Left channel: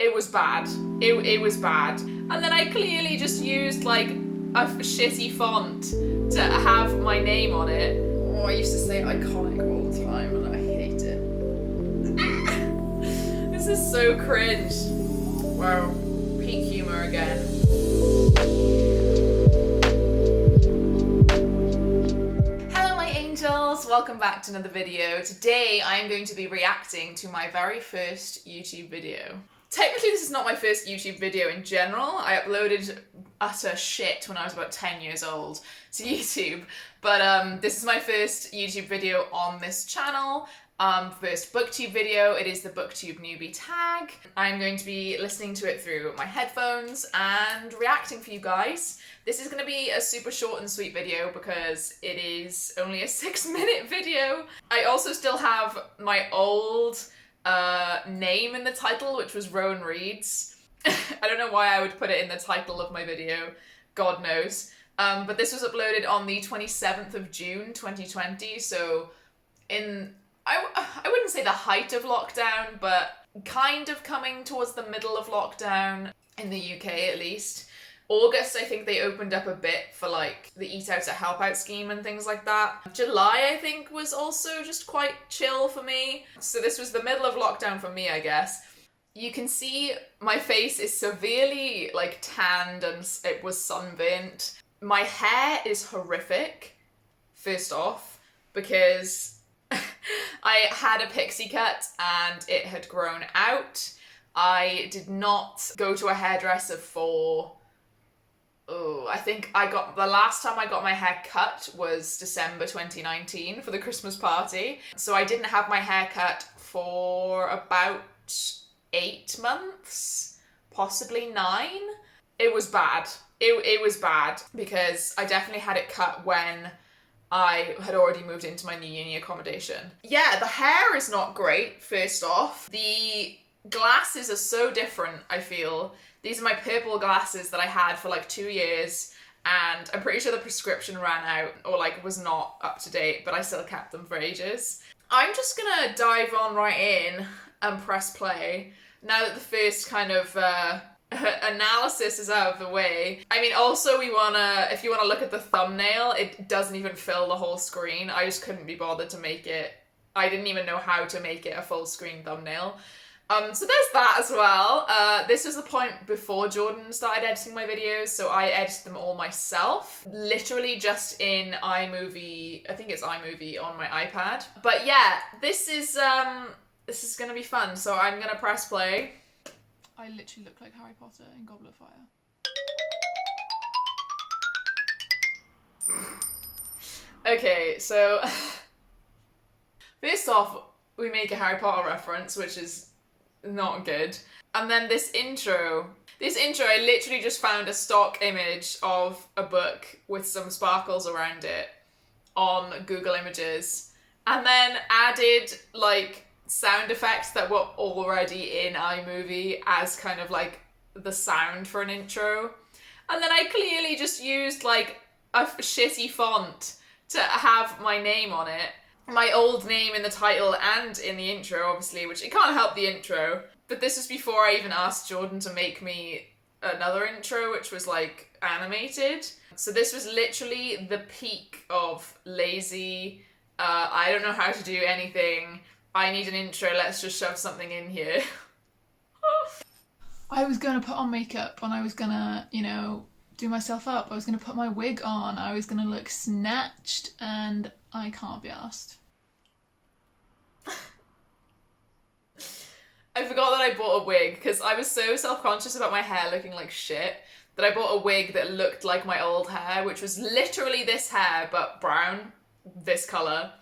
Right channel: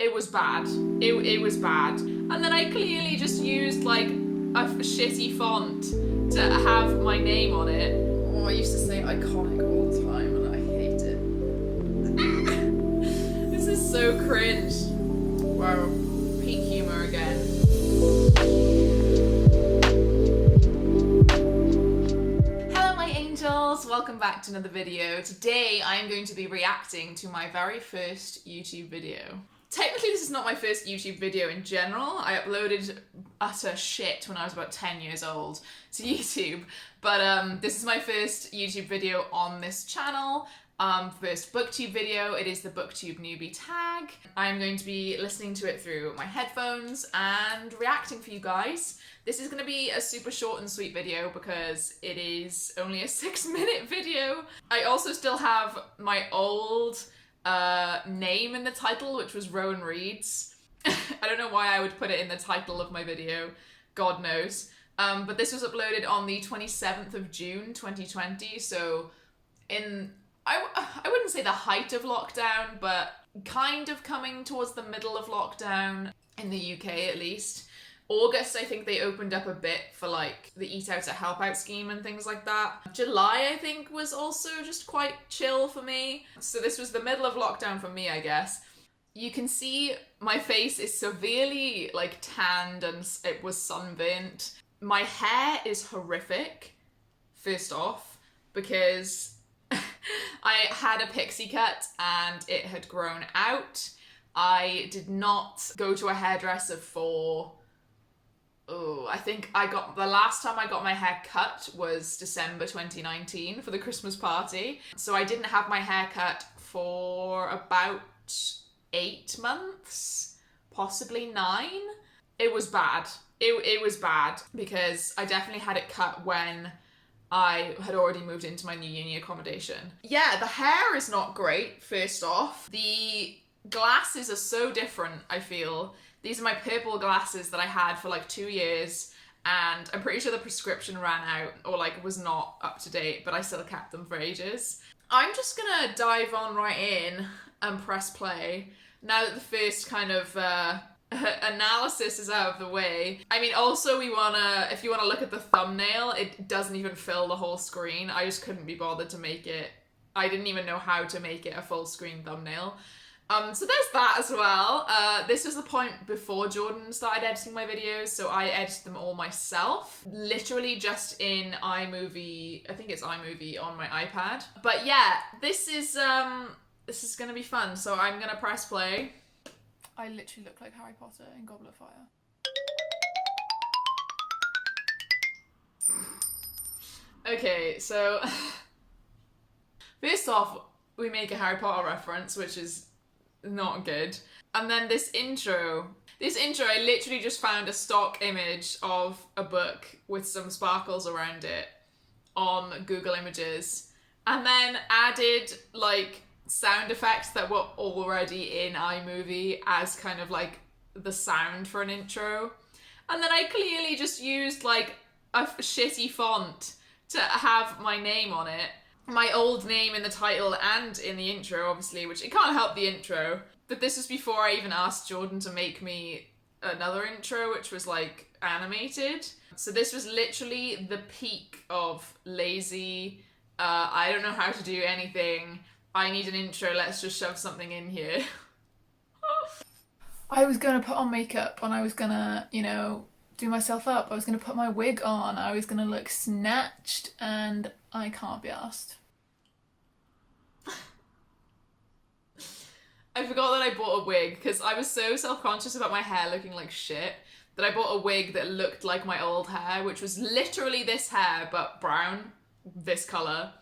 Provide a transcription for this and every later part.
It was bad. It was bad. And then I clearly just used like a shitty font to have my name on it. Oh, I used to say iconic all the time and I hate it. This is so cringe. Wow, peak humor again. Hello my angels, welcome back to another video. Today I'm going to be reacting to my very first YouTube video. Technically this is not my first YouTube video in general. I uploaded utter shit when I was about 10 years old to YouTube. But this is my first YouTube video on this channel. First Booktube video. It is the Booktube newbie tag. I'm going to be listening to it through my headphones and reacting for you guys. This is going to be a super short and sweet video because it is only a 6-minute video. I also still have my old name in the title, which was Rowan Reads. I don't know why I would put it in the title of my video, God knows. But this was uploaded on the 27th of June 2020, so in, I wouldn't say the height of lockdown, but kind of coming towards the middle of lockdown, in the UK at least. August, I think they opened up a bit for like the Eat Out to Help Out scheme and things like that. July, I think, was also just quite chill for me. So this was the middle of lockdown for me, I guess. You can see my face is severely like tanned and it was sunburnt. My hair is horrific, first off, because I had a pixie cut and it had grown out. I did not go to a hairdresser for... I think the last time I got my hair cut was December 2019 for the Christmas party. So I didn't have my hair cut for about 8 months, possibly 9. It was bad. It was bad because I definitely had it cut when I had already moved into my new uni accommodation. Yeah, the hair is not great, first off. The glasses are so different, I feel. These are my purple glasses that I had for like 2 years, and I'm pretty sure the prescription ran out or like was not up to date, but I still kept them for ages. I'm just gonna dive on right in and press play now that the first kind of analysis is out of the way. I mean, also if you wanna look at the thumbnail, it doesn't even fill the whole screen. I just couldn't be bothered to make it. I didn't even know how to make it a full screen thumbnail. So there's that as well. This was the point before Jordan started editing my videos, so I edited them all myself. Literally just in iMovie, I think it's iMovie on my iPad. But yeah, this is gonna be fun, so I'm gonna press play. I literally look like Harry Potter in Goblet of Fire. Okay, so first off, we make a Harry Potter reference, which is not good. And then this intro, I literally just found a stock image of a book with some sparkles around it on Google Images, and then added like sound effects that were already in iMovie as kind of like the sound for an intro. And then I clearly just used like a shitty font to have my name on it. My old name in the title and in the intro, obviously, which it can't help the intro. But this was before I even asked Jordan to make me another intro, which was like animated. So this was literally the peak of lazy, I don't know how to do anything, I need an intro, let's just shove something in here. I was gonna put on makeup and I was gonna, you know, do myself up. I was gonna put my wig on. I was gonna look snatched, and I can't be arsed. I forgot that I bought a wig because I was so self-conscious about my hair looking like shit that I bought a wig that looked like my old hair, which was literally this hair but brown, this colour.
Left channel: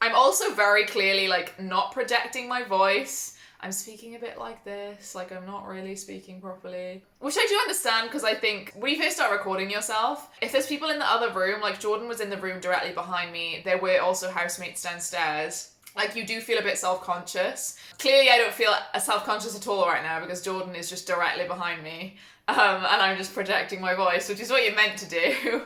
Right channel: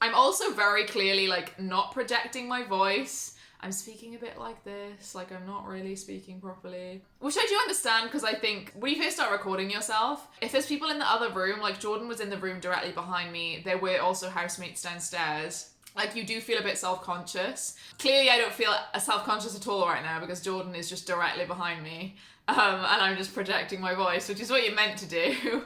I'm also very clearly like not projecting my voice. I'm speaking a bit like this, like I'm not really speaking properly. Which I do understand, because I think when you first start recording yourself, if there's people in the other room, like Jordan was in the room directly behind me, there were also housemates downstairs, like you do feel a bit self-conscious. Clearly I don't feel self-conscious at all right now because Jordan is just directly behind me, and I'm just projecting my voice, which is what you're meant to do.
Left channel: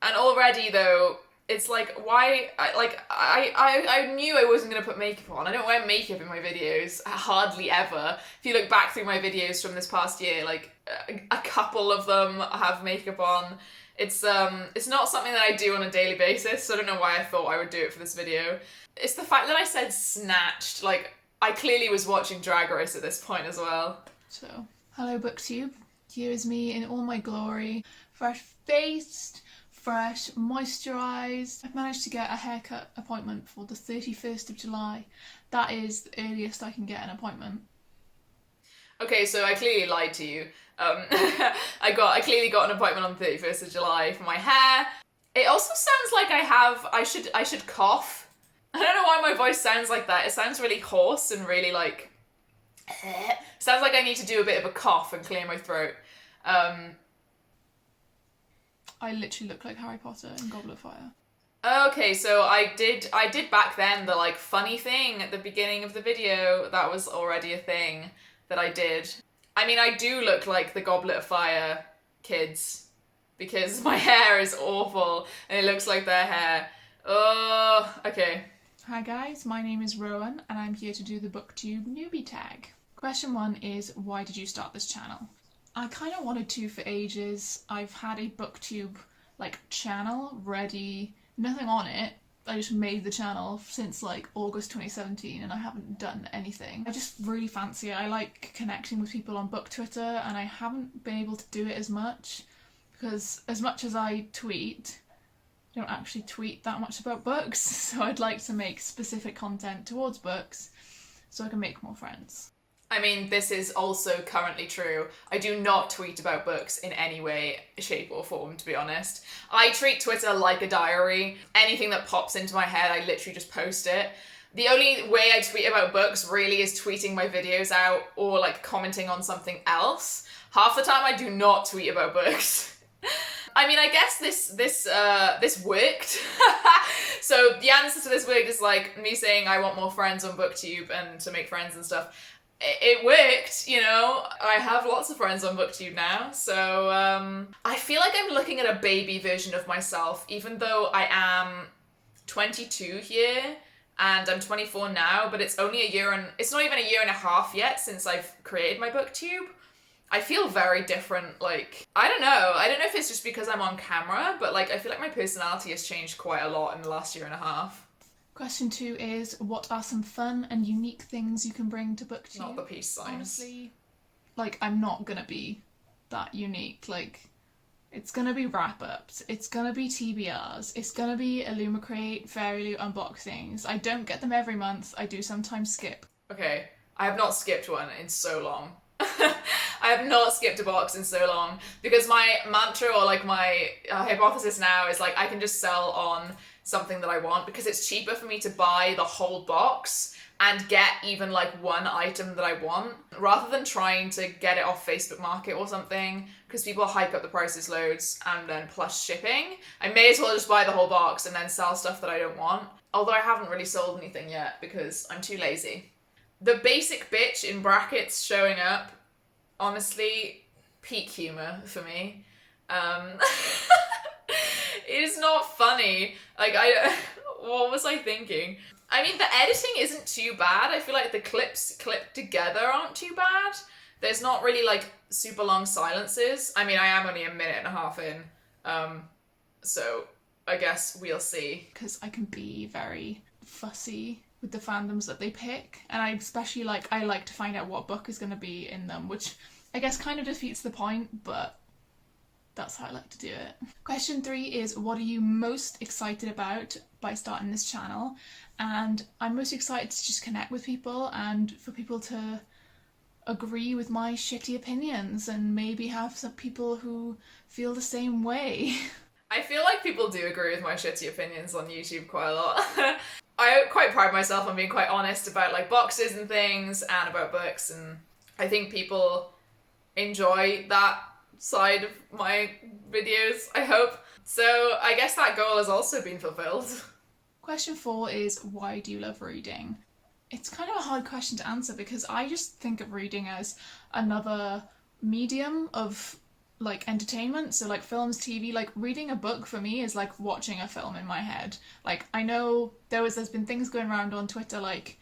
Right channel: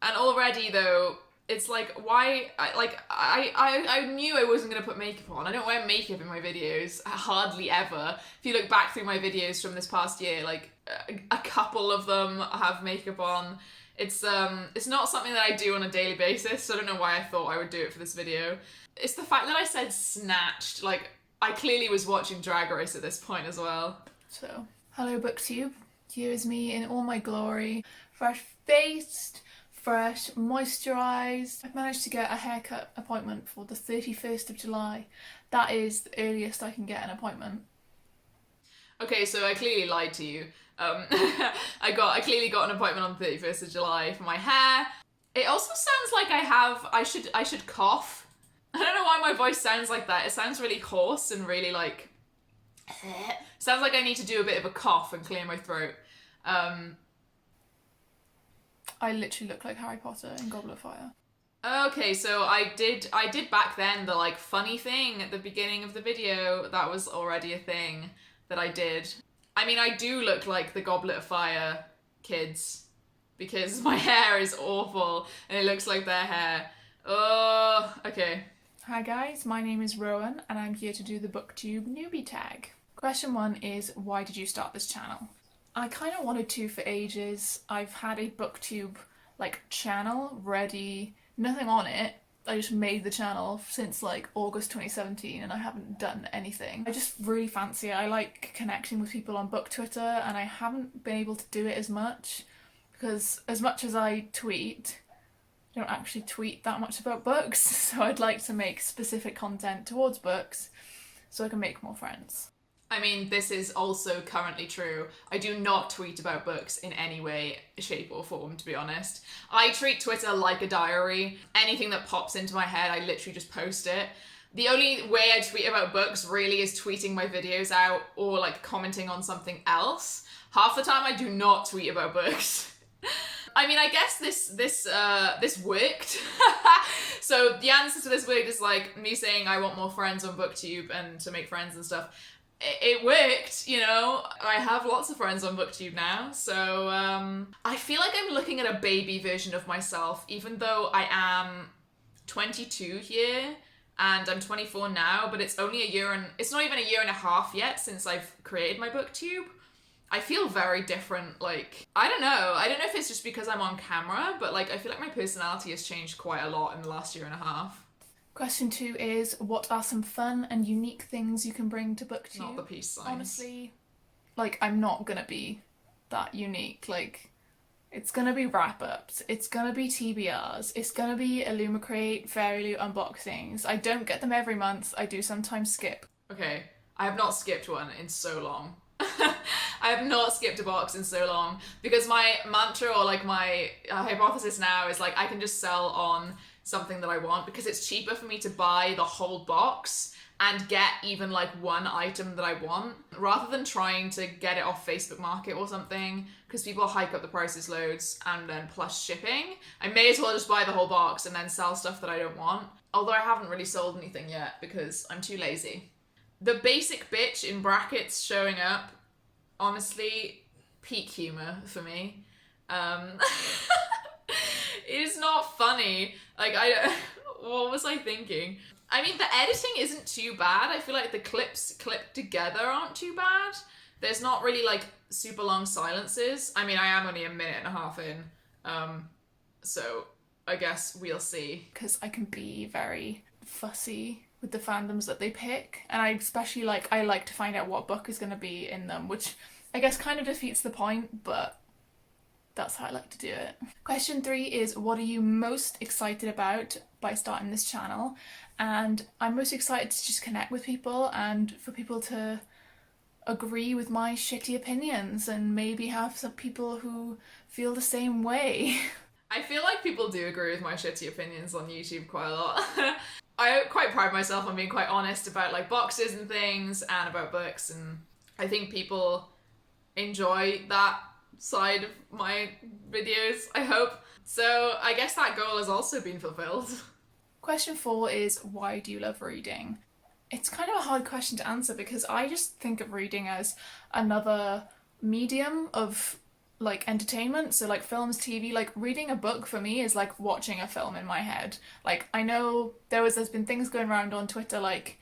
And already though, It's like, why, I knew I wasn't going to put makeup on. I don't wear makeup in my videos, hardly ever. If you look back through my videos from this past year, like, a couple of them have makeup on. It's not something that I do on a daily basis, so I don't know why I thought I would do it for this video. It's the fact that I said snatched, like, I clearly was watching Drag Race at this point as well. So, hello Booktube, here is me in all my glory, fresh-faced, fresh, moisturised. I've managed to get a haircut appointment for the 31st of July. That is the earliest I can get an appointment. Okay, so I clearly lied to you. I clearly got an appointment on the 31st of July for my hair. It also sounds like I should cough. I don't know why my voice sounds like that. It sounds really hoarse and really like, sounds like I need to do a bit of a cough and clear my throat. I literally look like Harry Potter in Goblet of Fire. Okay, so I did back then the like funny thing at the beginning of the video. That was already a thing that I did. I mean, I do look like the Goblet of Fire kids because my hair is awful and it looks like their hair. Oh, okay. Hi guys, my name is Rowan and I'm here to do the Booktube newbie tag. Question 1 is, why did you start this channel? I kind of wanted to for ages. I've had a Booktube like channel ready, nothing on it. I just made the channel since like August 2017 and I haven't done anything. I just really fancy it. I like connecting with people on book Twitter and I haven't been able to do it as much because as much as I tweet, I don't actually tweet that much about books, so I'd like to make specific content towards books so I can make more friends. I mean, this is also currently true. I do not tweet about books in any way, shape or form, to be honest. I treat Twitter like a diary. Anything that pops into my head, I literally just post it. The only way I tweet about books really is tweeting my videos out or like commenting on something else. Half the time I do not tweet about books. I mean, I guess this worked. So the answer to this worked is like me saying I want more friends on Booktube and to make friends and stuff. It worked, you know. I have lots of friends on Booktube now, so I feel like I'm looking at a baby version of myself, even though I am 22 here and I'm 24 now, but it's only it's not even a year and a half yet since I've created my Booktube. I feel very different, like, I don't know if it's just because I'm on camera, but like I feel like my personality has changed quite a lot in the last year and a half. Question 2 is, what are some fun and unique things you can bring to Booktube? Not the peace signs. Honestly, like, I'm not gonna be that unique. Like, it's gonna be wrap-ups, it's gonna be TBRs, it's gonna be Illumicrate, Fairy Loot unboxings. I don't get them every month, I do sometimes skip. Okay, I have not skipped one in so long. I have not skipped a box in so long because my mantra or like my hypothesis now is like I can just sell on something that I want because it's cheaper for me to buy the whole box and get even like one item that I want rather than trying to get it off Facebook Market or something because people hike up the prices loads and then plus shipping. I may as well just buy the whole box and then sell stuff that I don't want. Although I haven't really sold anything yet because I'm too lazy. The basic bitch in brackets showing up, honestly, peak humour for me. It is not funny. Like, what was I thinking? I mean, the editing isn't too bad. I feel like the clips clipped together aren't too bad. There's not really, like, super long silences. I mean, I am only a minute and a half in. So I guess we'll see. Because I can be very fussy with the fandoms that they pick. And I especially I like to find out what book is going to be in them, which I guess kind of defeats the point, but that's how I like to do it. Question 3 is, what are you most excited about by starting this channel? And I'm most excited to just connect with people and for people to agree with my shitty opinions and maybe have some people who feel the same way. I feel like people do agree with my shitty opinions on YouTube quite a lot. I quite pride myself on being quite honest about like boxes and things and about books, and I think people enjoy that side of my videos, I hope. So I guess that goal has also been fulfilled. Question 4 is, why do you love reading? It's kind of a hard question to answer because I just think of reading as another medium of like entertainment, so like films, TV. Like reading a book for me is like watching a film in my head. Like I know there's been things going around on Twitter like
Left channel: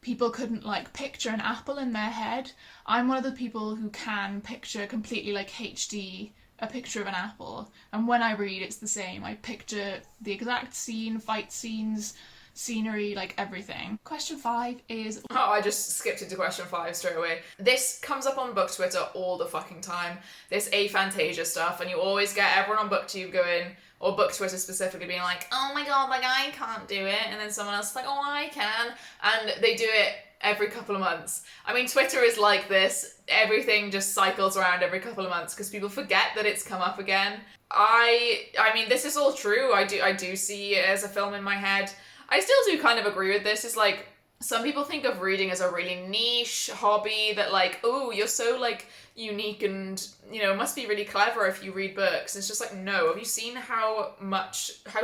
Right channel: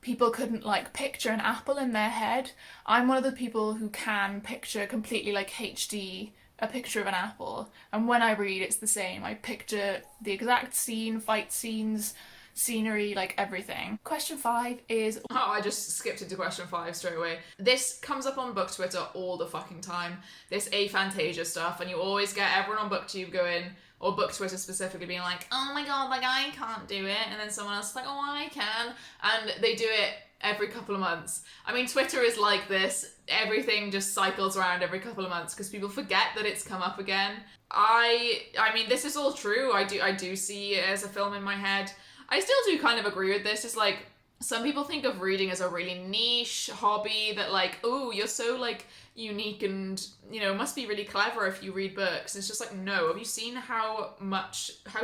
people couldn't like picture an apple in their head. I'm one of the people who can picture completely like HD a picture of an apple, and when I read it's the same. I picture the exact scene, fight scenes, scenery, like everything. Question 5 is... Oh, I just skipped into question 5 straight away. This comes up on Book Twitter all the fucking time. This aphantasia stuff, and you always get everyone on Booktube going, or Book Twitter specifically, being like, oh my god, like I can't do it, and then someone else is like, oh I can, and they do it every couple of months. I mean, Twitter is like this. Everything just cycles around every couple of months because people forget that it's come up again. I mean, this is all true. I do see it as a film in my head. I still do kind of agree with this. It's like, some people think of reading as a really niche hobby that like, oh, you're so like unique and, you know, must be really clever if you read books. It's just like, no. Have you seen how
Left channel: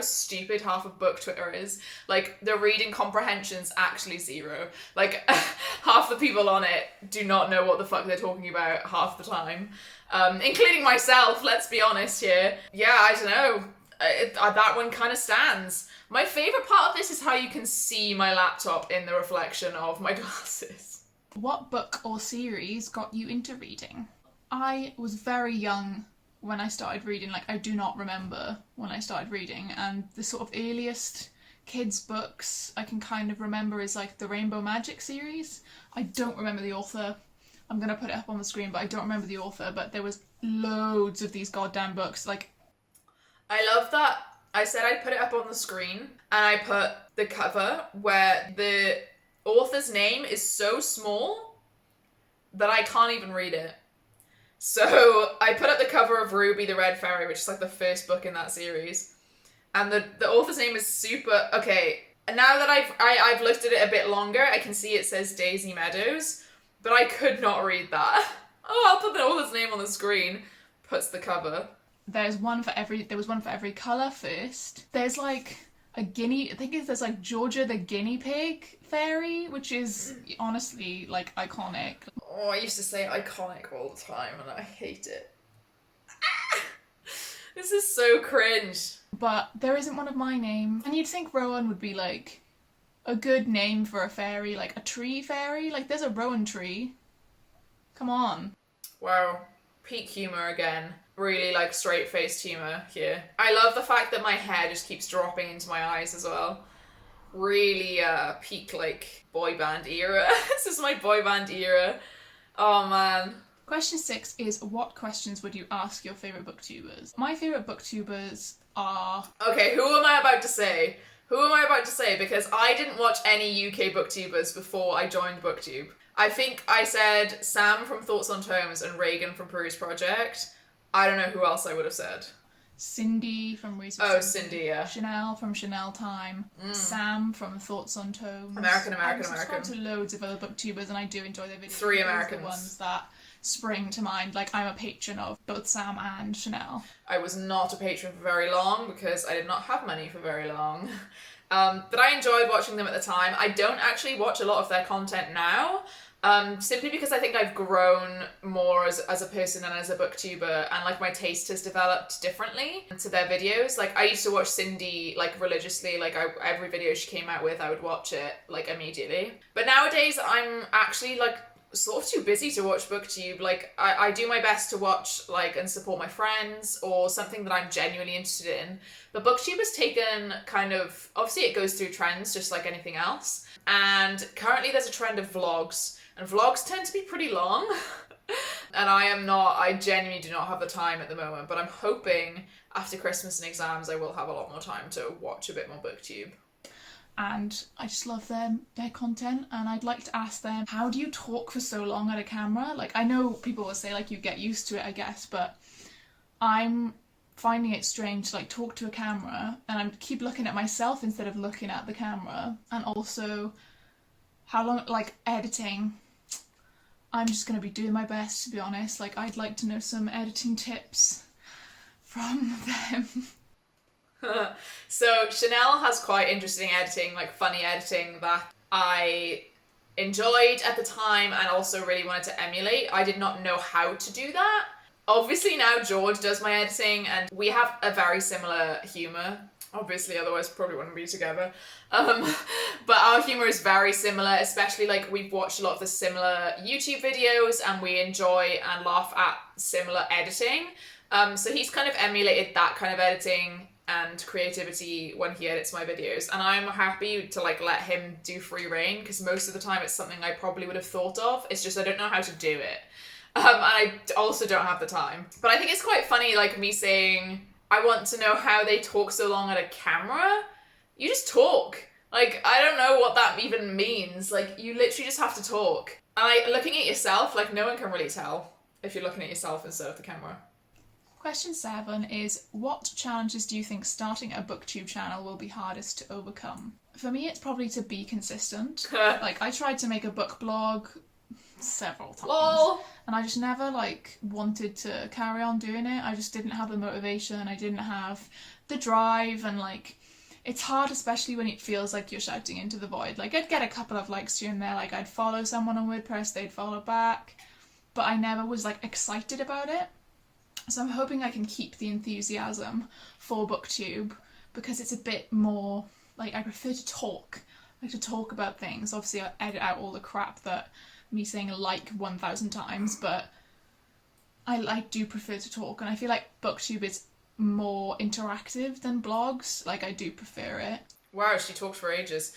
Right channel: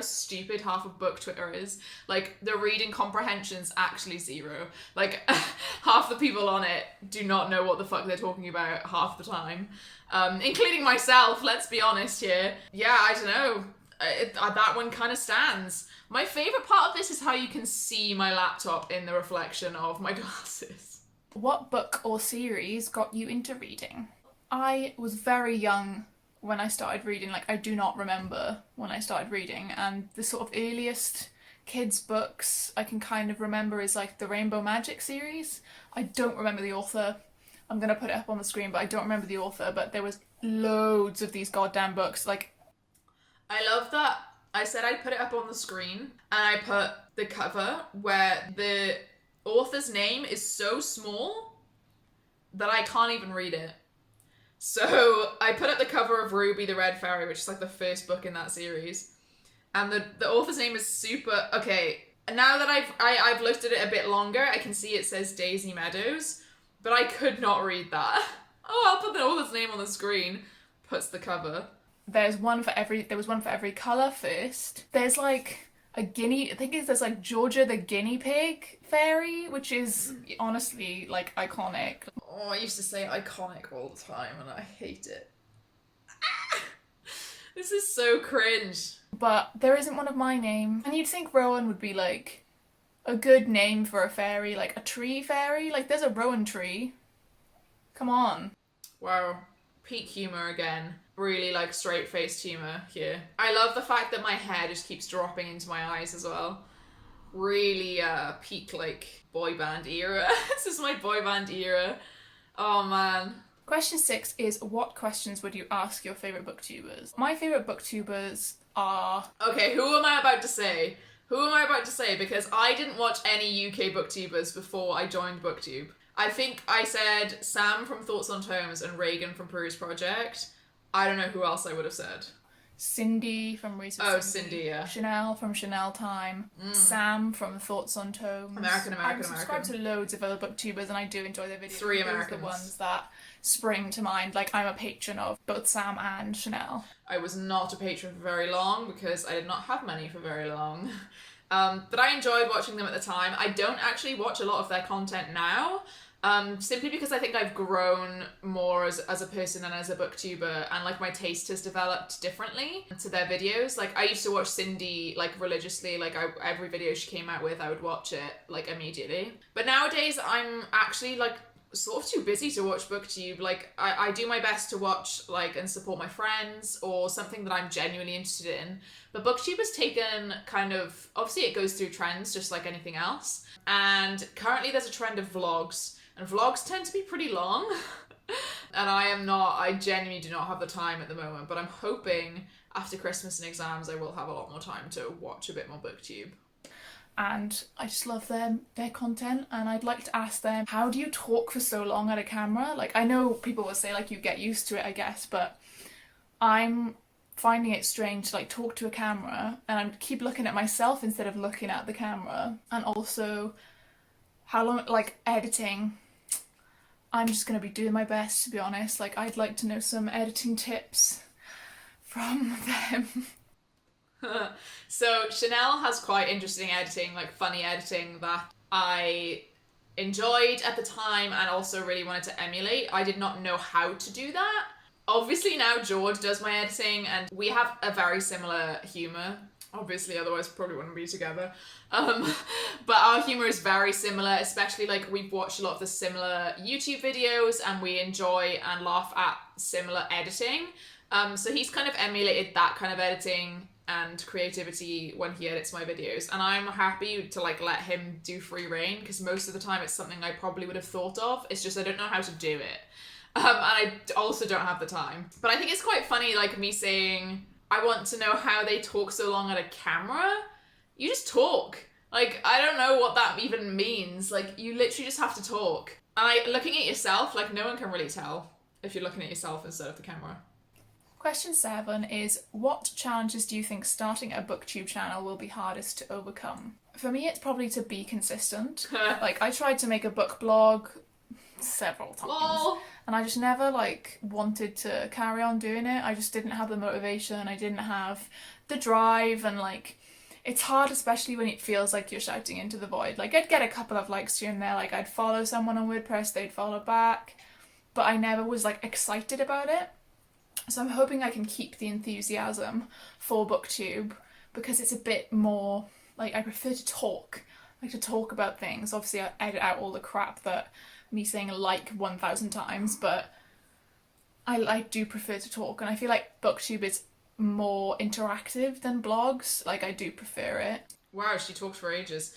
stupid half of book Twitter is? Like, the reading comprehension's actually zero. Like, half the people on it do not know what the fuck they're talking about half the time. Including myself, let's be honest here. Yeah, I don't know. That one kind of stands. My favourite part of this is how you can see my laptop in the reflection of my glasses. What book or series got you into reading? I was very young when I started reading. Like, I do not remember when I started reading, and the sort of earliest kids' books I can kind of remember is like the Rainbow Magic series. I don't remember the author. I'm going to put it up on the screen, but I don't remember the author, but there was loads of these goddamn books. Like, I love that. I said I'd put it up on the screen, and I put the cover where the author's name is so small that I can't even read it. So I put up the cover of Ruby the Red Fairy, which is like the first book in that series, and the author's name is super... Okay, now that I've looked at it a bit longer, I can see it says Daisy Meadows, but I could not read that. Oh, I'll put the author's name on the screen. Puts the cover. there was one for every colour first. There's like a guinea, I think there's like Georgia the guinea pig fairy, which is honestly like iconic. Oh, I used to say iconic all the time and I hate it. This is so cringe. But there isn't one of my name. And you'd think Rowan would be like a good name for a fairy, like a tree fairy. Like there's a rowan tree. Come on. Wow. Peak humour again. Really like straight-faced humour here. I love the fact that my hair just keeps dropping into my eyes as well. Really peak like boy band era. This is my boy band era. Oh man. Question 6 is, what questions would you ask your favourite booktubers? My favourite booktubers are... Okay, who am I about to say? Who am I about to say? Because I didn't watch any UK booktubers before I joined Booktube. I think I said Sam from Thoughts on Tomes and Reagan from Peruse Project. I don't know who else I would have said. Cindy from Research. Oh, Cindy, yeah. Chanel from Chanel Time. Sam from Thoughts on Tomes. American. I'm subscribed to loads of other booktubers and I do enjoy their videos. 3 Those are Americans. the ones that spring to mind. Like, I'm a patron of both Sam and Chanel. I was not a patron for very long because I did not have money for very long. But I enjoyed watching them at the time. I don't actually watch a lot of their content now. Simply because I think I've grown more as a person and as a booktuber, and like my taste has developed differently to their videos. Like I used to watch Cindy like religiously, like every video she came out with I would watch it like immediately. But nowadays I'm actually like sort of too busy to watch booktube. Like I do my best to watch like and support my friends or something that I'm genuinely interested in. But booktube has taken kind of, obviously it goes through trends just like anything else. And currently there's a trend of vlogs. And vlogs tend to be pretty long. And I genuinely do not have the time at the moment, but I'm hoping after Christmas and exams I will have a lot more time to watch a bit more booktube. And I just love their content, and I'd like to ask them, how do you talk for so long at a camera? Like, I know people will say like you get used to it, I guess, but I'm finding it strange to like talk to a camera and I keep looking at myself instead of looking at the camera. And also how long, like editing, I'm just going to be doing my best, to be honest. Like, I'd like to know some editing tips from them. So Chanel has quite interesting editing, like funny editing that I enjoyed at the time and also really wanted to emulate. I did not know how to do that. Obviously now George does my editing and we have a very similar humour. Obviously, otherwise probably wouldn't be together. But our humour is very similar, especially like we've watched a lot of the similar YouTube videos and we enjoy and laugh at similar editing. So he's kind of emulated that kind of editing and creativity when he edits my videos, and I'm happy to like let him do free reign because most of the time it's something I probably would have thought of. It's just I don't know how to do it. And I also don't have the time. But I think it's quite funny, like me saying, I want to know how they talk so long at a camera. You just talk. Like, I don't know what that even means. Like, you literally just have to talk. And like, looking at yourself, like, no one can really tell if you're looking at yourself instead of the camera. Question 7 is, what challenges do you think starting a booktube channel will be hardest to overcome? For me, it's probably to be consistent. Like, I tried to make a book blog several times. Lol. And I just never, like, wanted to carry on doing it. I just didn't have the motivation. I didn't have the drive. And, like, it's hard, especially when it feels like you're shouting into the void. Like, I'd get a couple of likes here and there. Like, I'd follow someone on WordPress. They'd follow back. But I never was, like, excited about it. So I'm hoping I can keep the enthusiasm for Booktube because it's a bit more, like, I prefer to talk. I like to talk about things. Obviously, I edit out all the crap that me saying like 1,000 times, but I do prefer to talk, and I feel like Booktube is more interactive than blogs. Like, I do prefer it. Wow, she talked for ages.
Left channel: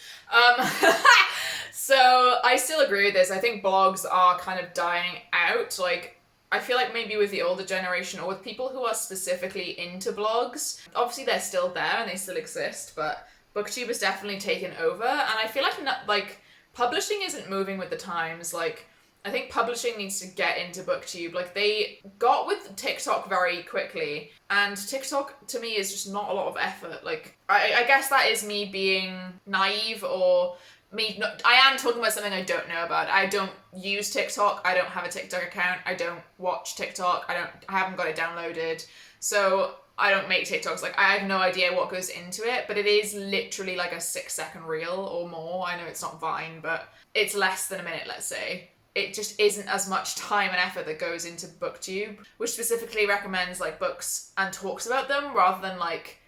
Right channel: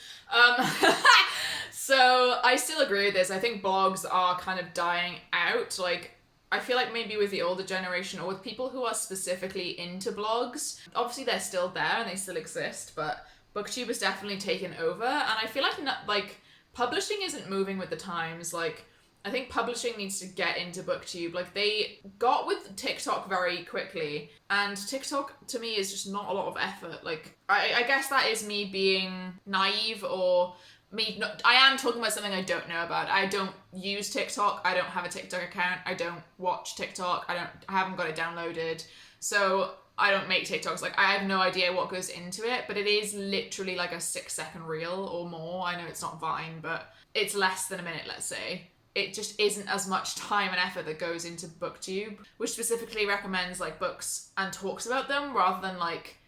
So I still agree with this. I think blogs are kind of dying out. Like, I feel like maybe with the older generation or with people who are specifically into blogs, obviously they're still there and they still exist, but Booktube has definitely taken over, and I feel like publishing isn't moving with the times. Like, I think publishing needs to get into Booktube. Like, they got with TikTok very quickly, and TikTok to me is just not a lot of effort. Like, I guess that is me being naive, or I am talking about something I don't know about. I don't use TikTok. I don't have a TikTok account. I don't watch TikTok. I haven't got it downloaded. So I don't make TikToks. Like, I have no idea what goes into it, but it is literally like a 6-second reel or more. I know it's not Vine, but it's less than a minute, let's say. It just isn't as much time and effort that goes into Booktube, which specifically recommends like books and talks about them rather than like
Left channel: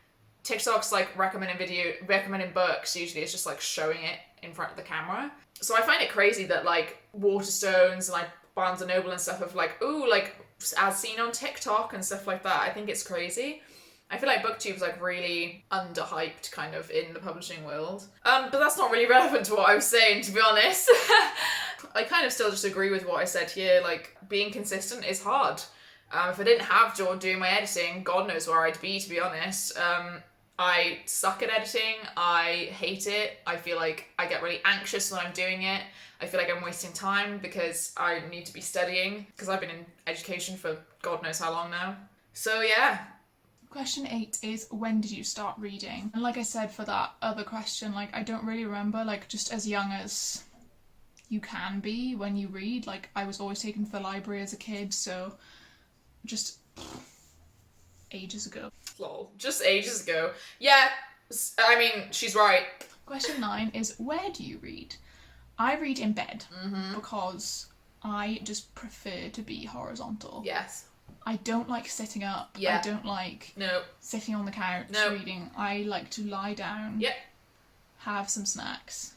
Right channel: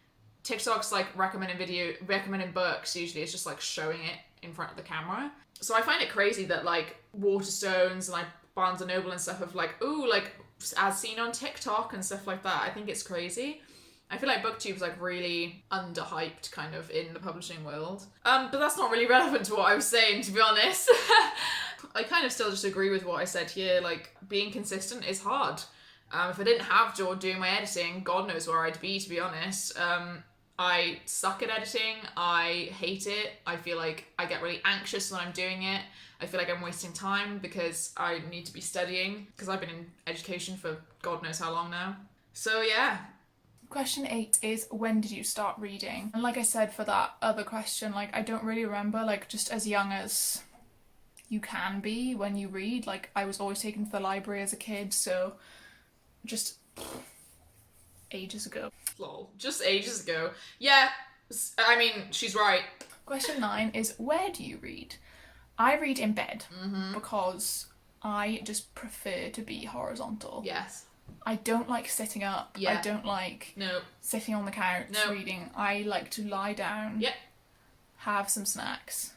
TikTok's like recommending books. Usually it's just like showing it in front of the camera. So I find it crazy that like Waterstones and like Barnes & Noble and stuff have like, ooh, like as seen on TikTok and stuff like that. I think it's crazy. I feel like Booktube's like really underhyped kind of in the publishing world. But that's not really relevant to what I was saying, to be honest. I kind of still just agree with what I said here. Like, being consistent is hard. If I didn't have George doing my editing, God knows where I'd be, to be honest. I suck at editing. I hate it. I feel like I get really anxious when I'm doing it. I feel like I'm wasting time because I need to be studying because I've been in education for God knows how long now. So yeah. Question 8 is, when did you start reading? And like I said for that other question, like, I don't really remember, like, just as young as you can be when you read. Like, I was always taken to the library as a kid, so just ages ago. Lol. Just ages ago. Yeah, I mean, she's right. Question 9 is, where do you read? I read in bed because I just prefer to be horizontal. Yes. I don't like sitting up. Yeah. I don't like sitting on the couch reading. I like to lie down, have some snacks,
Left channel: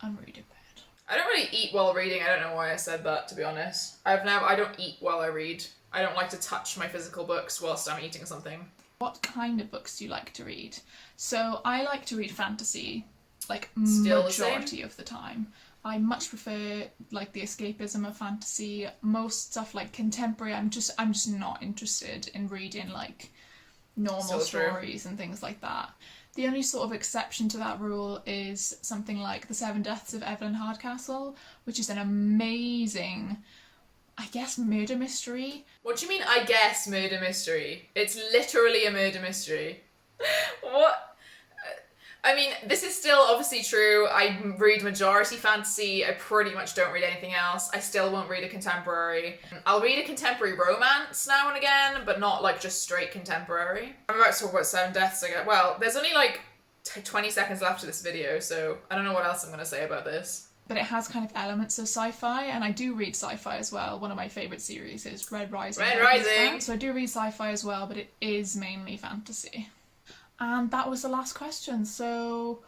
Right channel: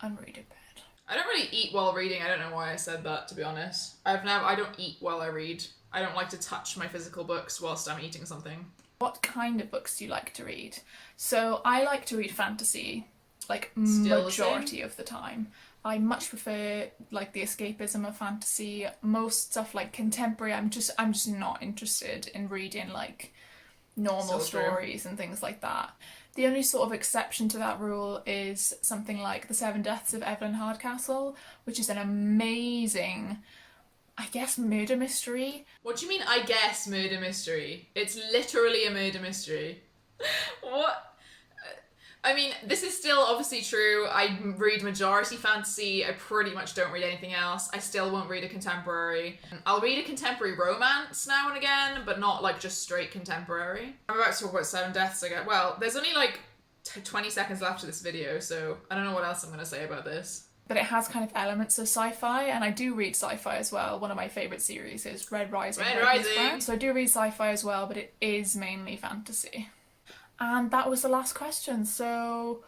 and read in bed. I don't really eat while reading. I don't know why I said that, to be honest. I don't eat while I read. I don't like to touch my physical books whilst I'm eating something. What kind of books do you like to read? So I like to read fantasy, like Still majority of the time. I much prefer like the escapism of fantasy. Most stuff like contemporary, I'm just not interested in reading like normal stories and things like that. The only sort of exception to that rule is something like The Seven Deaths of Evelyn Hardcastle, which is an amazing, I guess, murder mystery. What do you mean, I guess, murder mystery? It's literally a murder mystery. What? I mean, this is still obviously true. I read majority fantasy. I pretty much don't read anything else. I still won't read a contemporary. I'll read a contemporary romance now and again, but not like just straight contemporary. I'm about to talk about Seven Deaths again. Well, there's only like 20 seconds left of this video, so I don't know what else I'm going to say about this. but it has kind of elements of sci-fi, and I do read sci-fi as well. One of my favourite series is Red Rising. So I do read sci-fi as well, but it is mainly fantasy. And that was the last question, so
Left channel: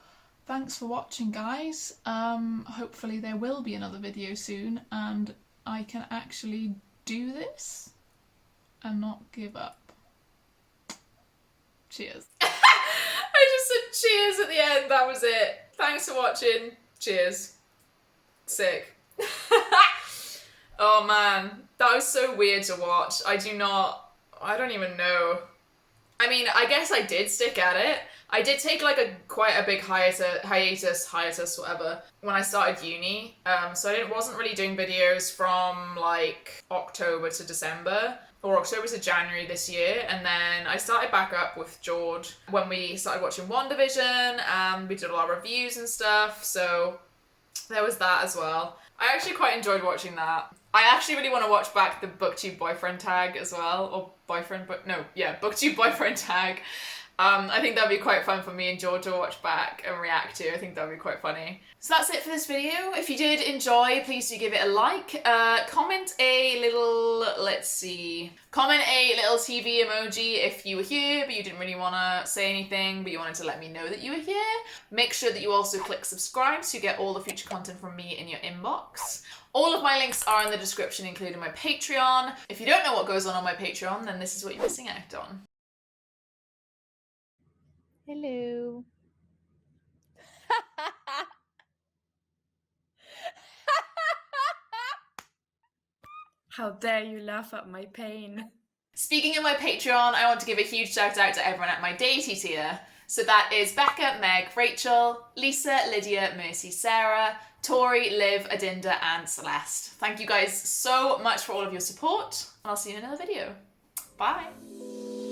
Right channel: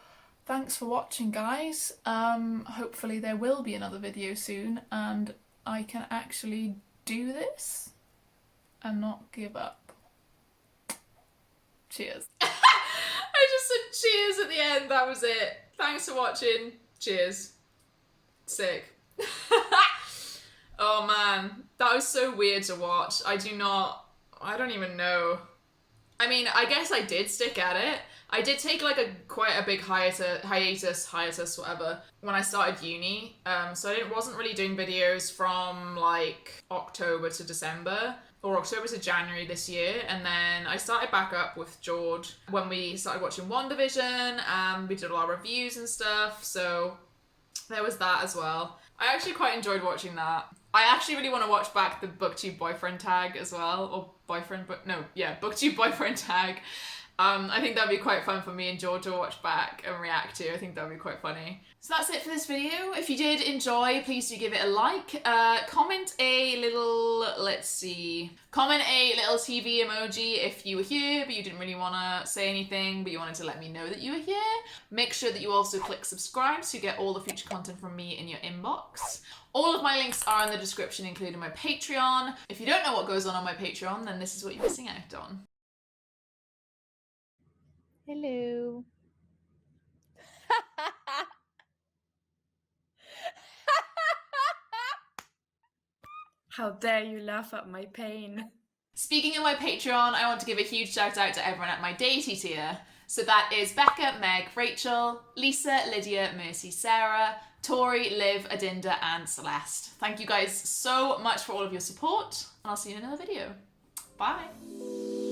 thanks for watching, guys. Hopefully there will be another video soon, and I can actually do this and not give up. Cheers. I just said cheers at the end, that was it. Thanks for watching. Cheers. Sick. Oh man, that was so weird to watch. I don't even know. I mean, I guess I did stick at it. I did take like quite a big hiatus, whatever, when I started uni. So I wasn't really doing videos from like October to December, or October to January this year, and then I started back up with George when we started watching WandaVision, and we did a lot of reviews and stuff, so there was that as well. I actually quite enjoyed watching that. I actually really want to watch back the Booktube boyfriend tag as well, or Booktube boyfriend tag. I think that'd be quite fun for me and George to watch back and react to. I think that'd be quite funny. So that's it for this video. If you did enjoy, please do give it a like. Comment a little TV emoji if you were here, but you didn't really want to say anything, but you wanted to let me know that you were here. Make sure that you also click subscribe so you get all the future content from me in your inbox. All of my links are in the description, including my Patreon. If you don't know what goes on my Patreon, then this is what you're missing out on. Hello. How dare you laugh at my pain. Speaking of my Patreon, I want to give a huge shout out to everyone at my deity tier. So that is Becca, Meg, Rachel, Lisa, Lydia, Mercy, Sarah, Tori, Liv, Adinda, and Celeste. Thank you guys so much for all of your support, and I'll see you in another video. Bye!